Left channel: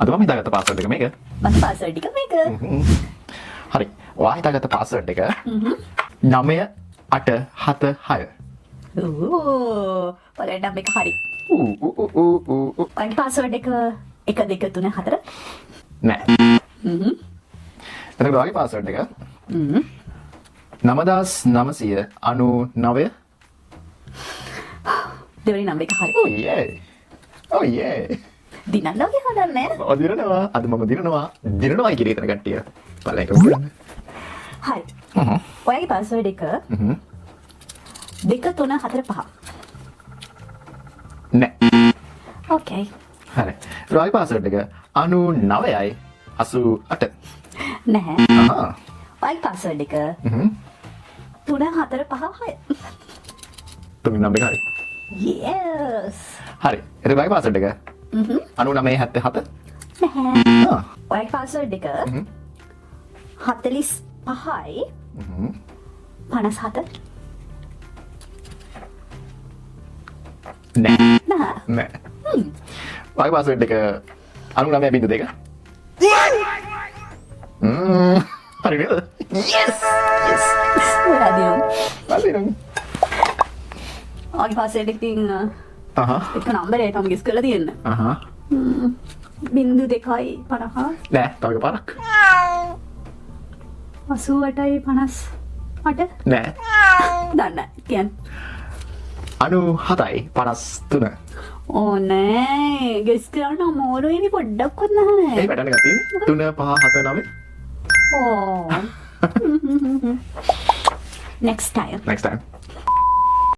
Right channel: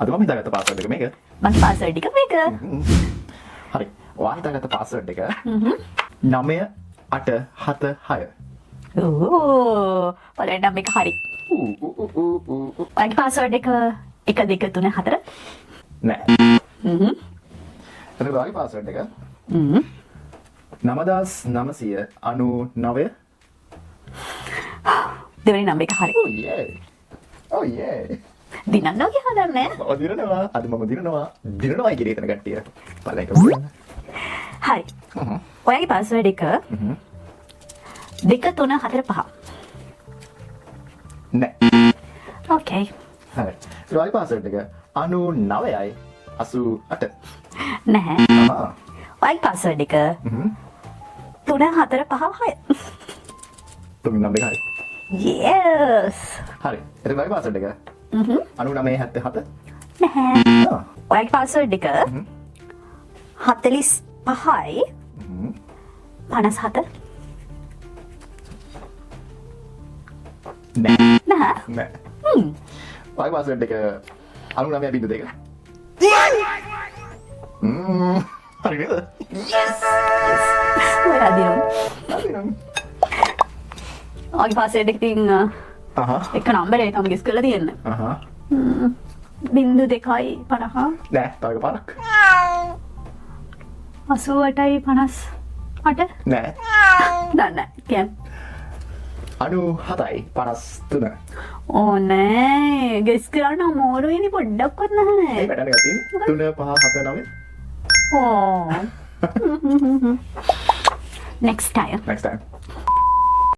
අද මම හිතාගත්ත පාස්වර්ඩ් එක මේක. මගේ පාස්වර්ඩ් එක මේක. හරි. ඔයා හිතාගත්ත පාස්වර්ඩ් එක 9876. ඕ පළවෙනි නම් එක හරි. මගේ පාස්වර්ඩ් එක 1 2 3 4. නෑ. එතකොට ඔයාගේ පාස්වර්ඩ් එක 9999. දෙවෙනි නම් එක හරි. Oh yeah. දිනන්න ඔගේ හොදන්නේ. ඔය දිනනවා. අද මම දිනනවා. දිනනවායි කියන එක කට්ටිය. පළවෙනි එක කියන්න. හරි. ඔයාගේ පාස්වර්ඩ් එක 2 3 4 5. නෑ. ඕකේ. හරි. ඔයාගේ පාස්වර්ඩ් එක 99යි 88. නැහැ. ආ. ඔයාගේ පාස්වර්ඩ් එක 3 4 5 6. තුන්වෙනි නම් එක හරි. Yes. හරි. එතකොට ඔයාගේ පාස්වර්ඩ් එක 9977. නැහැ. ආ. ඔයාගේ පාස්වර්ඩ් එක 45යි 57. නෑ. නැහැ. නෑ. ඔයාගේ පාස්වර්ඩ් එක 99.2. හරි නේද? වැරදිනම්. හරි නේද? ඔයාගේ පාස්වර්ඩ් එක තින් එක නම්බර් එක මම ගෙස් කරලා තියෙන්න. 02යි 50. නෑ. තව එක පාරක්. 88යි 58. නෑ. දන්නේ කියන්න. 97යි 53. ඕ නෑ ගෙස් කරන්න අමාරු වෙන්නේ පොඩ්ඩක්වත් නැහැ. ඒ වැඩ ගන්න තියෙන්නේ 3 5 7 9. ඕ. Next time. Next time.